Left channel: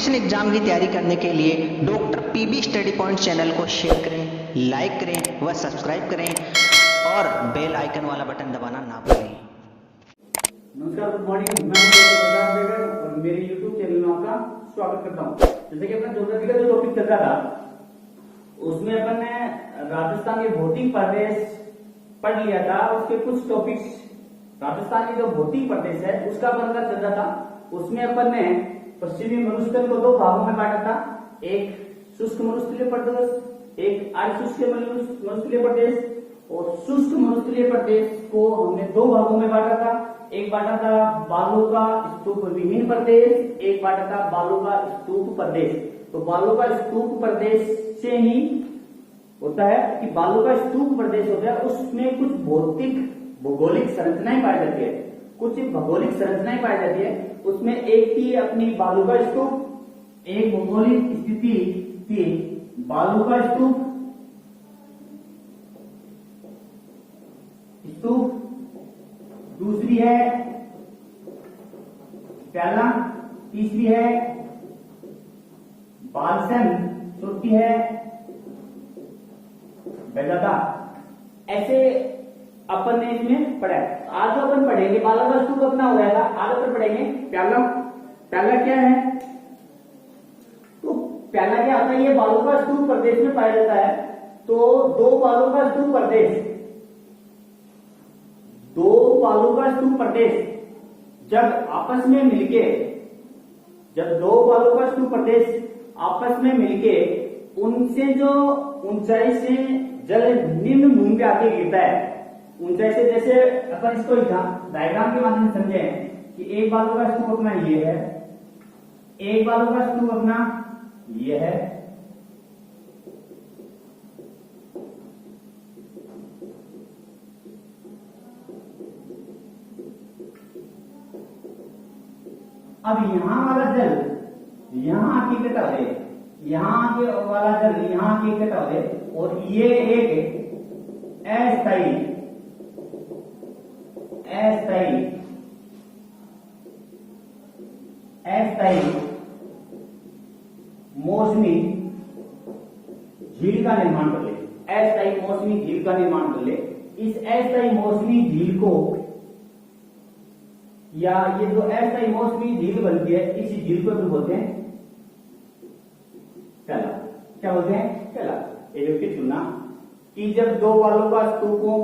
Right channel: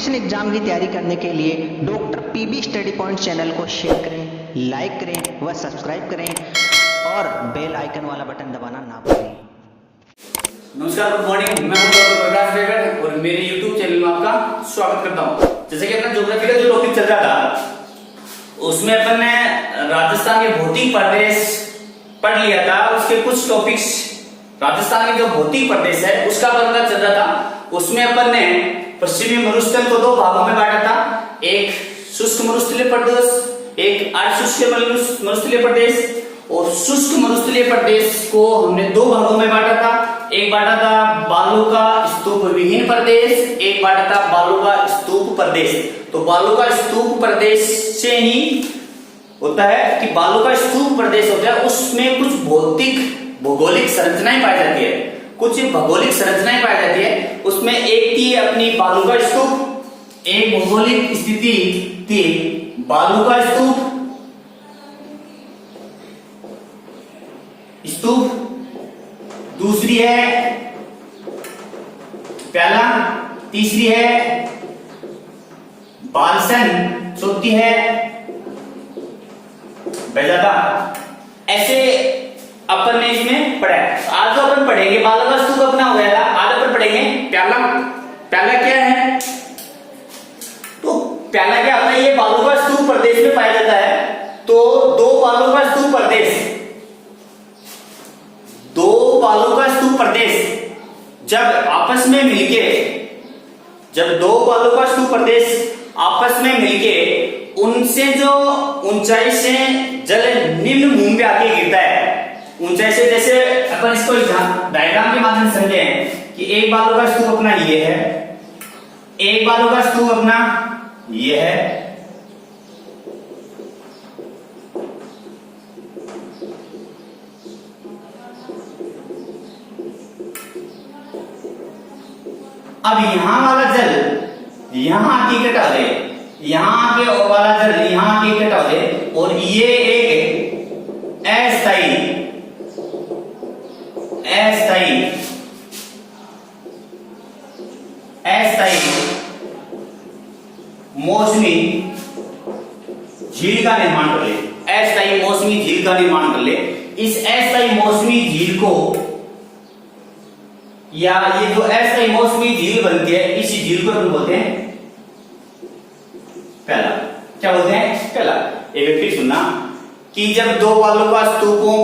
Competition exam की तैयारी करने के लिए doctor P B study point channel को शेयर करें, लाइक करें व सब्सक्राइब करें और बेल आइकन वाला बटन दबाना ना भूलें। नमस्कार, गुड मॉर्निंग। मैं हूं डॉक्टर प्रकाश बेगर और मेरे YouTube चैनल में आपका स्वागत करता हूं। जैसे कि अपना ज्योग्राफी का जो टॉपिक चल रहा था उसमें अपन ने राजस्थान के भौतिक प्रदेश पढ़ लिया था। उसके कुछ टॉपिक्स राजस्थान के जो भौतिक प्रदेश है उसका अपन का चल रहा था। उसमें अपन ने पश्चिमी मरुस्थल को दो भागों में बांटा था, एक शुष्क मरुस्थलीय प्रदेश, एक अर्धशुष्क मरुस्थलीय प्रदेश। और शुष्क मरुस्थलीय प्रदेश को हमने दो भागों में बांटा था, एक बांटा था बालू का स्तूप विहीन प्रदेश, एक बांटा था बालू का स्तूप प्रदेश। तो बालू का स्तूप प्रदेश से ही होता है कि बालू का स्तूप प्रदेश होता है, उसमें कुछ भौतिक भौगोलिक संरचनाएं पाई जाती है, कुछ भौगोलिक संरचनाएं पाई जाती है। उसमें एक थी अपनी बालू का स्तूप, एक भौगोलिक स्थिति थी बालू का स्तूप, दूसरी है प्याला, तीसरी है बालसन, चौथी है बेजादा। ऐसे अपन ने इसमें पढ़ा है। आज तो अपन पढ़ेंगे बालू का स्तूप अपना हो गया था, आज अपन पढ़ेंगे प्याला। प्याला क्या है? तो प्याला क्या होता है? ये बालू का स्तूप प्रदेश में पाया जाता है। तो दो बालू का स्तूप प्रदेश जब आपस में मिलके, जब दो बालू का स्तूप प्रदेश आपस में मिलके उनसे जो ऊंचाई से जल निम्न भूमि पे आके गिरता है, ऊंचाई से, जैसे अपन इसको डायग्राम के माध्यम से समझे कि एक बालू का स्तूप अपना ये है, एक बालू का स्तूप अपना ये है, अब यहां वाला जल यहां आके इकट्ठा हो गए, यहां आके और वाला जल यहां आके इकट्ठा हो गए और ये एक अस्थायी मौसमी झील का निर्माण कर ले, अस्थायी मौसमी झील का निर्माण कर ले। इस अस्थायी मौसमी झील को, या ये जो अस्थायी मौसमी झील बनती है, इसी झील को हम बोलते हैं प्याला। क्या बोलते हैं? प्याला। एक बार फिर सुनना कि जब दो बालू का स्तूपों,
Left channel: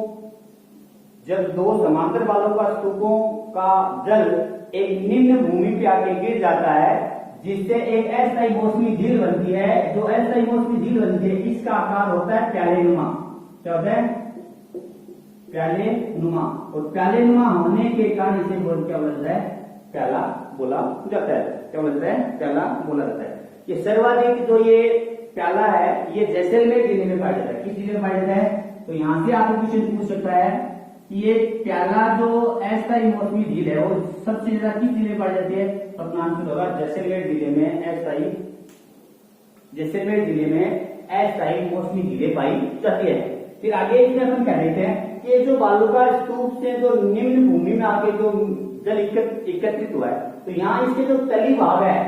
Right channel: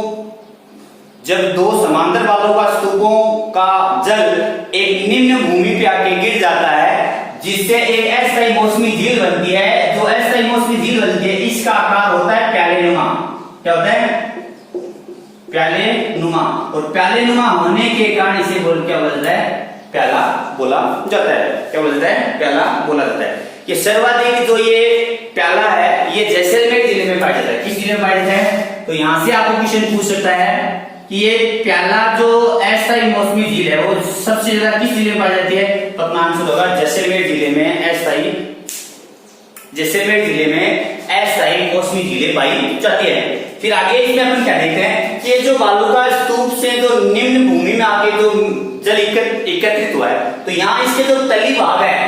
जब दो समांतर बालू का स्तूपों का जल एक निम्न भूमि पे आके गिर जाता है, जिससे एक अस्थायी मौसमी झील बनती है। जो अस्थायी मौसमी झील बनती है इसका आकार होता है प्याले नुमा। क्या होता है? प्याले नुमा। और प्याले नुमा होने के कारण इसे क्या बोला जाता है? प्याला बोला जाता है। क्या बोला जाता है? प्याला बोला जाता है। ये सर्वाधिक जो ये प्याला है ये जैसलमेर जिले में पाया जाता है। किस जिले में पाया जाता है? तो यहां से आपको क्वेश्चन पूछ सकता है कि ये प्याला जो अस्थायी मौसमी झील है वो सबसे ज्यादा किस जिले में पाई जाती है? तो अपना आंसर होगा जैसलमेर जिले में। जैसलमेर जिले में अस्थायी मौसमी झीलें पाई जाती है। फिर आगे इसमें अपन क्या देखते हैं कि जो बालू का स्तूप से जो निम्न भूमि में आके जो जल एकत्रित हुआ है, तो यहाँ इसके जो तली भाग है,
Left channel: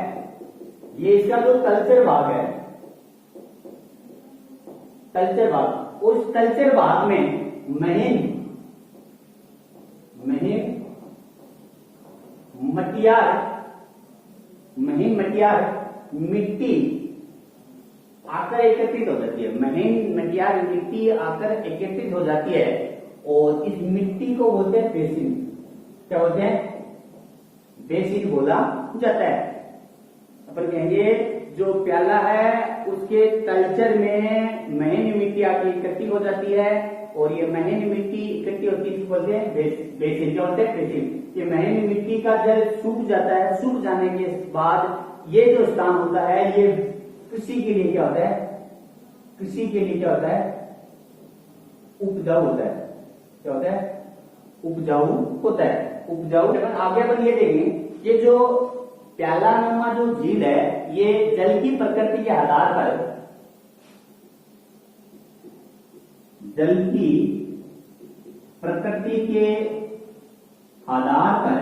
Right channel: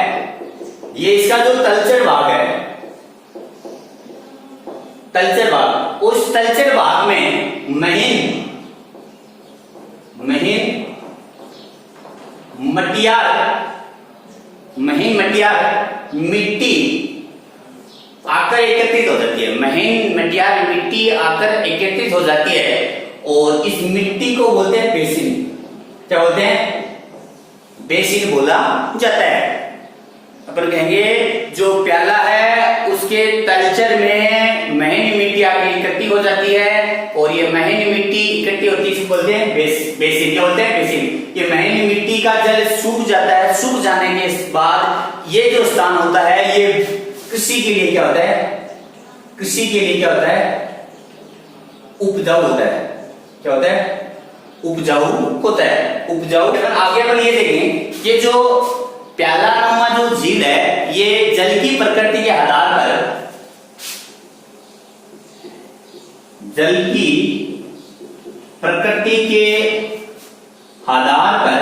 ये इसका जो तलचर भाग है, तलचर भाग, उस तलचर भाग में महीन मटियार मिट्टी आकर एकत्रित हो जाती है। महीन मटियार मिट्टी आकर एकत्रित हो जाती है और इस मिट्टी को बोलते हैं बेसिन। क्या बोलते हैं? बेसिन बोला जाता है। अपन कहेंगे जो प्याला है उसके तलचर में महीन मिट्टी आकर इकट्ठी हो जाती है और ये महीन मिट्टी इकट्ठी होती है, इसको बोलते हैं बेसिन। क्या बोलते हैं? बेसिन। ये महीन मिट्टी का जल सूख जाता है, सूख जाने के बाद ये जो स्थान होता है ये कृषि के लिए क्या होता है? कृषि के लिए क्या होता है? उपजाऊ होता है। क्या होता है? उपजाऊ होता है। उपजाऊ। आगे अपन ये देखें, ये जो प्याला नुमा जो झील है ये जल की प्रकृति के आधार पर, जल की प्रकृति के आधार पर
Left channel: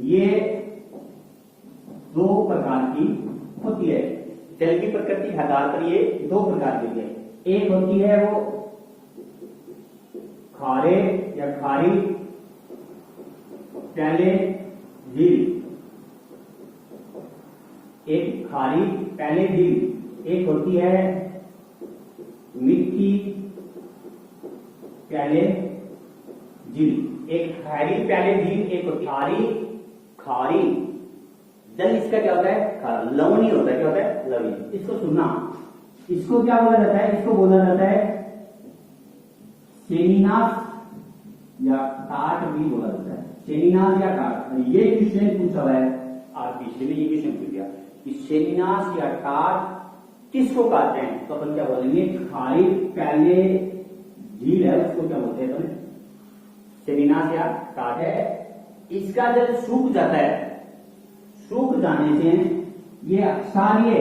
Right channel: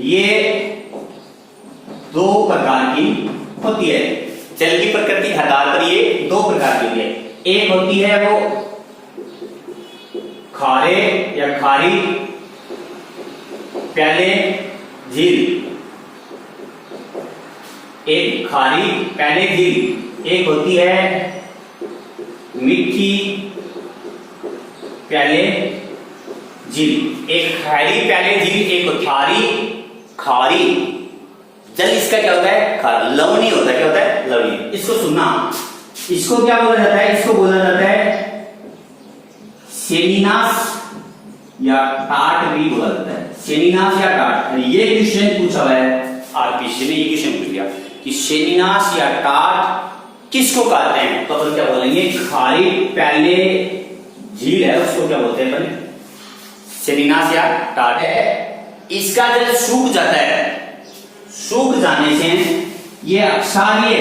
ये दो प्रकार की होती है। जल की प्रकृति आधार पर ये दो प्रकार की होती है। एक होती है वो खारे या खारी प्याले झील, एक खारी प्याले झील, एक होती है मीठी प्याले झील। एक खारी प्याले झील, एक खारी खारी। जल इसका क्या होता है? खारा, लवणीय होता है। क्या होता है? लवणीय। इसको सुनना, इसको क्या बोला जाता है? इसको बोला जाता है सेनिनास या टाट भी बोला जाता है। सेनिनास या टाट। ये क्वेश्चन पूछा हुआ है आरपीसी ने, ये क्वेश्चन पूछ लिया कि सेनिनास या टाट किसको कहते हैं, तो अपन क्या बोलेंगे? खारी प्याले झील है उसको क्या बोलते हैं अपन? सेनिनास या टाट है। इसका जल सूख जाता है, सूख जाने से ये अक्षारीय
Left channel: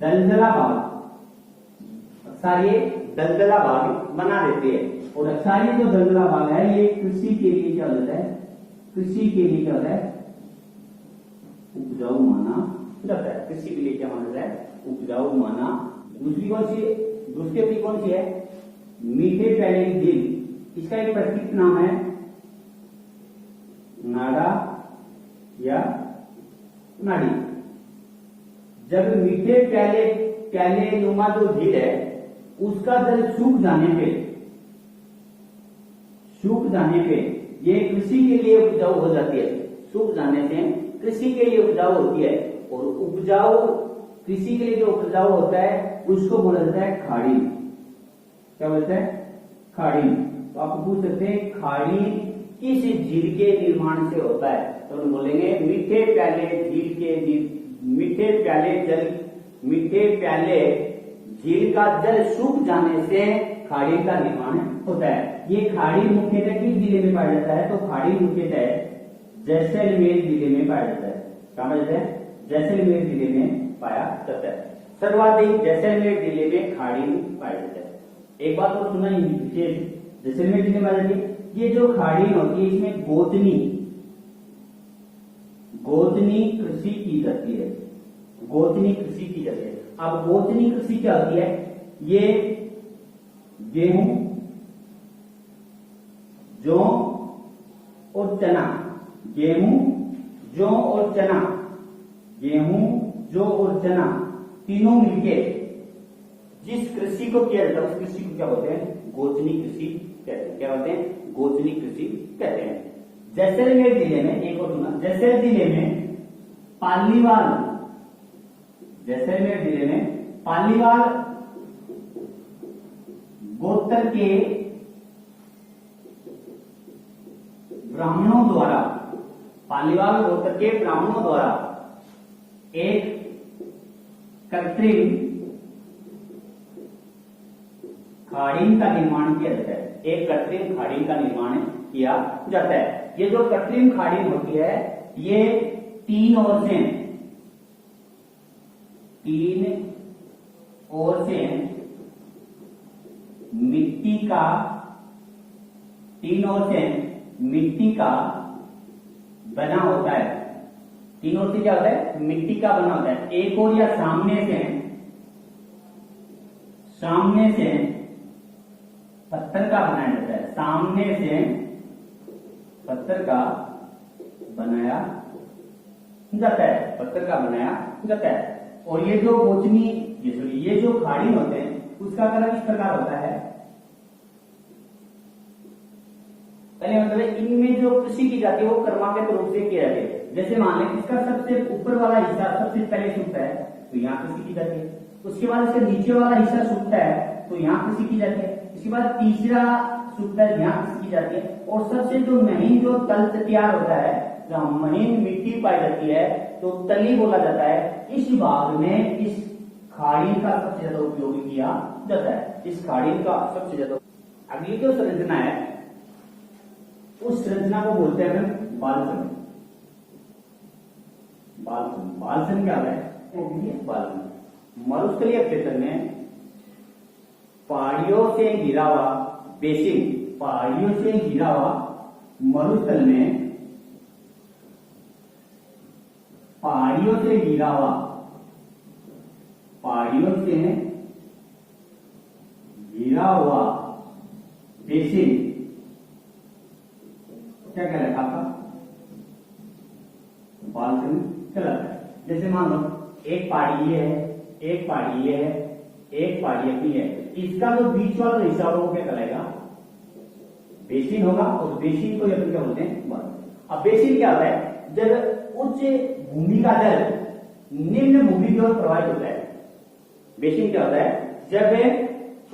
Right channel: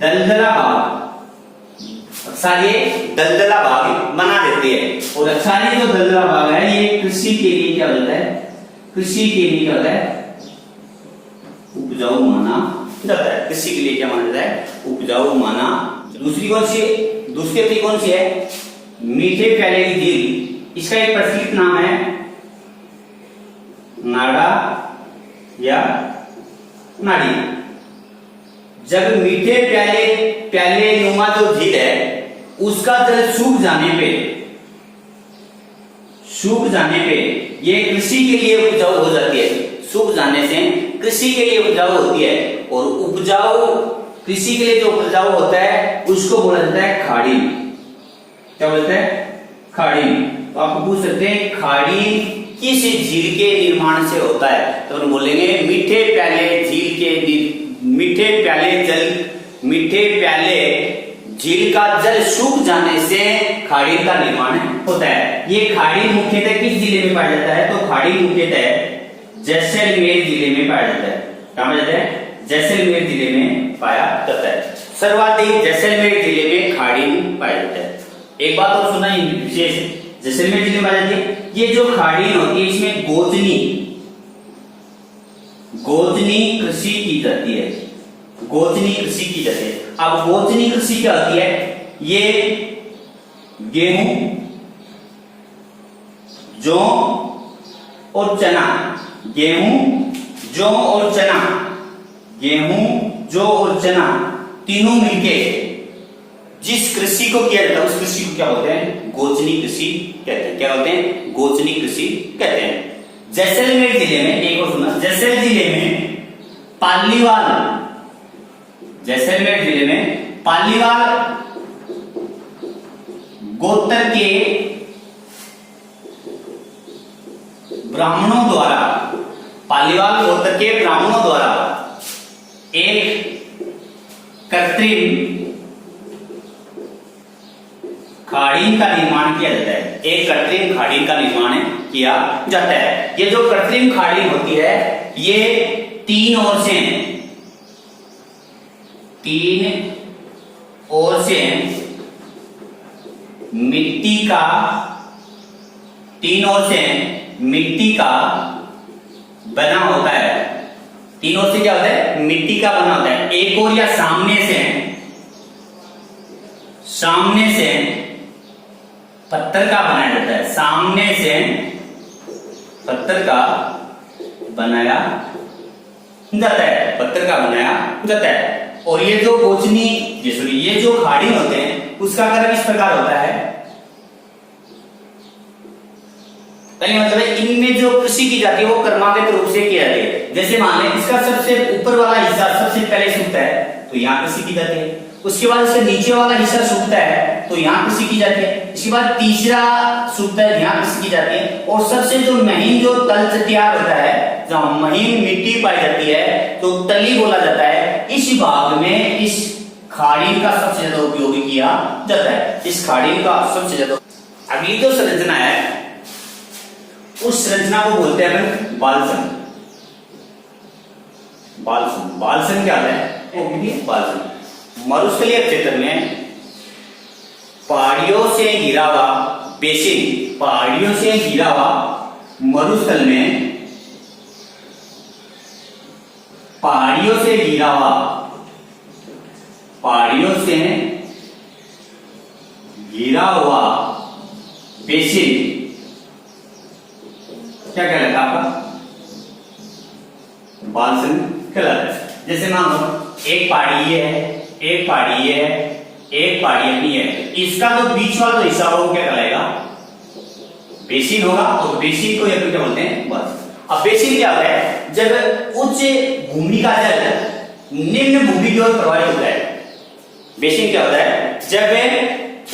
दलदला भाग, अक्षारीय दलदला भाग बना देते हैं। और अक्षारीय जो दलदला भाग है ये कृषि के लिए क्या होता है? कृषि के लिए क्या होता है? उपजाऊ माना जाता है। कृषि के लिए क्या माना जाता है? उपजाऊ माना। दूसरी कौन सी? दूसरी अपनी कौन सी है? मीठे प्याले की झील। इसका एक प्रचलित नाम है नाड़ा या नाड़ी। जब मीठे प्याले नुमा जो झील है उसका जल सूख जाने पे ये कृषि के लिए उपजाऊ हो जाती है। सूख जाने से कृषि के लिए उपजाऊ होती है, और उपजाऊ कृषि के लिए जो उपजाऊ होता है उसको बोला जाता है खाड़ी। क्या बोलते हैं? खाड़ी। तो आप पूछ सकते हैं खाड़ी किस झील के निर्माण से होता है, तो हम बोलेंगे मीठे प्याले झील का जल सूख जाने से खाड़ी का निर्माण होता है। ये खाड़ी मुख्यतः किस जिले में पाया जाता है? तो खाड़ी मुख्यतः जैसलमेर जिले में पाया जाता है। कहां पाया जाता है? जैसलमेर जिले में पाया जाता है। सर्वाधिक जैसलमेर जिले में खाड़ी पाया जाता है। एक बात और सुना विशेष, जैसलमेर जिले में पाई जाती है। ये जो खाड़ी होती है इसमें गोचनी कृषि की जाती है। गोचनी कृषि की जाती है। अब गोचनी कृषि क्या होती है? ये गेहूं, जौ और चना, गेहूं, जौ और चना, गेहूं, जौ और चना तीनों मिलके जिस कृषि को किया जाता है उस कृषि को क्या बोलते हैं? गोचनी कृषि कहते हैं। क्या बोलते हैं? गोचनी कृषि कहते हैं। जैसलमेर जिले में एक और सुना, जैसलमेर जिले में पालीवाल गोत्र के ब्राह्मणों द्वारा एक कृत्रिम खाड़ी का निर्माण किया जाता है। एक कृत्रिम खाड़ी का निर्माण किया जाता है। ये जो कृत्रिम खाड़ी होती है ये तीन ओर से मिट्टी का बना होता है। तीन ओर से क्या होता है? मिट्टी का बना होता है। एक ओर या सामने से पत्थर का बनाया जाता है। सामने से पत्थर का बनाया जाता है। और ये जो ये जो खाड़ी होते हैं उसका क्रम इस प्रकार होता है। मतलब इनमें जो कृषि की जाती है वो क्रमागत रूप से की जाती है। जैसे मान लें इसका सबसे ऊपर वाला हिस्सा सबसे पहले सूखता है तो यहाँ कृषि की जाती है। उसके बाद इसका नीचे वाला हिस्सा सूखता है तो यहाँ कृषि की जाती है। इसके बाद तीसरा सूखता है, यहाँ कृषि की जाती है। और सबसे जो महीन जो तल तैयार होता है, जहाँ महीन मिट्टी पाई जाती है तो तली बोला जाता है। इस भाग में इस खाड़ी का सबसे ज्यादा उपयोग किया जाता है। इस खाड़ी का सबसे ज्यादा। अगली जो संरचना है उस संरचना को बोलते हैं अपन बालसन। बालसन क्या है? बालसन मरुस्थलीय क्षेत्र में पहाड़ियों से घिरा हुआ बेसिन पहाड़ियों से घिरा हुआ मरुस्थल में, पहाड़ियों से घिरा हुआ, पहाड़ियों से घिरा हुआ बेसिन क्या कहलाता है आपका? बालसन कहलाता है। जैसे मान लो एक पहाड़ी ये है, एक पहाड़ी ये है, एक पहाड़ी अपनी है, इसका जो बीच वाला जो हिस्सा होगा वो क्या कहलाएगा? बेसिन होगा। और बेसिन को क्या बोलते हैं? बस। अब बेसिन क्या होता है? जब उच्च भूमि का जल निम्न भूमि की ओर प्रवाहित होता है। बेसिन क्या होता है? जब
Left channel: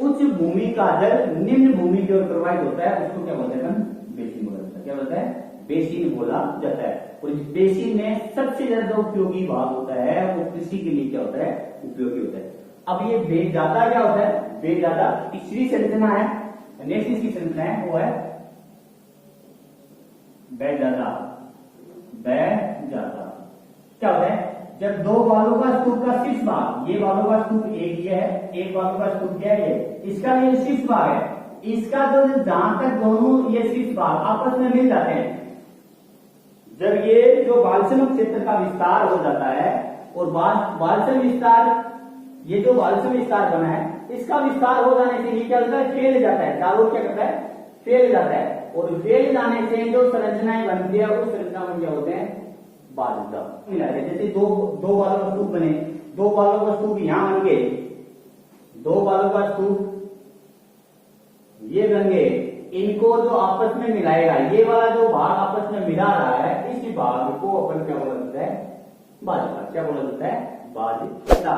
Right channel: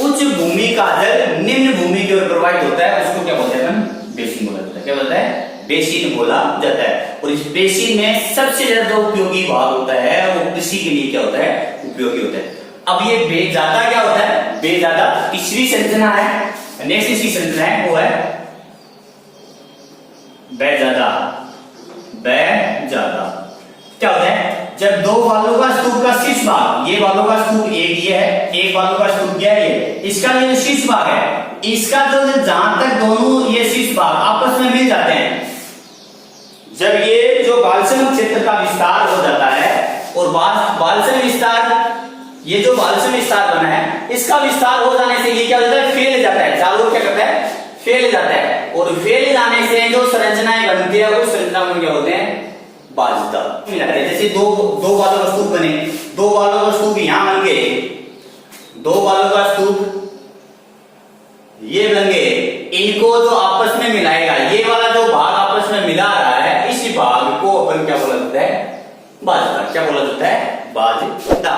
उच्च भूमि का जल निम्न भूमि की ओर प्रवाहित होता है उसको क्या बोलते हैं? बेसिन बोला जाता है। क्या बोलता है? बेसिन बोला जाता है। और इस बेसिन में सबसे ज्यादा उपयोगी भाग होता है वो कृषि के लिए क्या होता है? उपयोगी होता है। अब ये बेजादा क्या होता है? बेजादा तीसरी संरचना है, नेक्स्ट इसकी संरचना है वो है बेजादा। बेजादा क्या होता है? जब दो बालों का स्तूप का शीर्ष भाग, ये बालों का स्तूप एक ये है, एक बालों का स्तूप क्या है ये, इसका ये शीर्ष भाग है, इसका जो जहां तक दोनों ये शीर्ष भाग आपस में मिल जाते हैं, जब ये जो बालसम क्षेत्र का विस्तार हो जाता है और बालसम विस्तार, ये जो बालसम विस्तार बना है इसका विस्तार हो जाने से ये क्या होता है? फैल जाता है। चारों क्या करता है? फैल जाता है। और फैल जाने से जो संरचनाएं बनती है वो संरचना बन क्या होते हैं? बाजदा मिलाते हैं। जैसे दो बालों का स्तूप बने, दो बालों का स्तूप यहां बन गए, दो बालों का स्तूप ये बन गए, इनको जो आपस में मिलाएगा, ये वाला जो भाग आपस में मिला रहा है, इसी भाग को अपन क्या बोला जाता है? बाजदा। क्या बोला जाता है? बाजदा।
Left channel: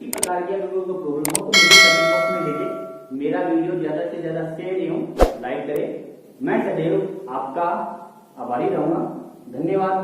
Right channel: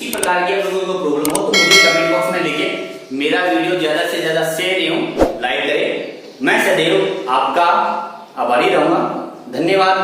इस प्रकार की अगर कोई प्रॉब्लम हो तो मुझे कमेंट बॉक्स में लिखिए। मेरा वीडियो ज्यादा से ज्यादा शेयर एवं लाइक करें। मैं सदैव आपका आभारी रहूंगा। धन्यवाद।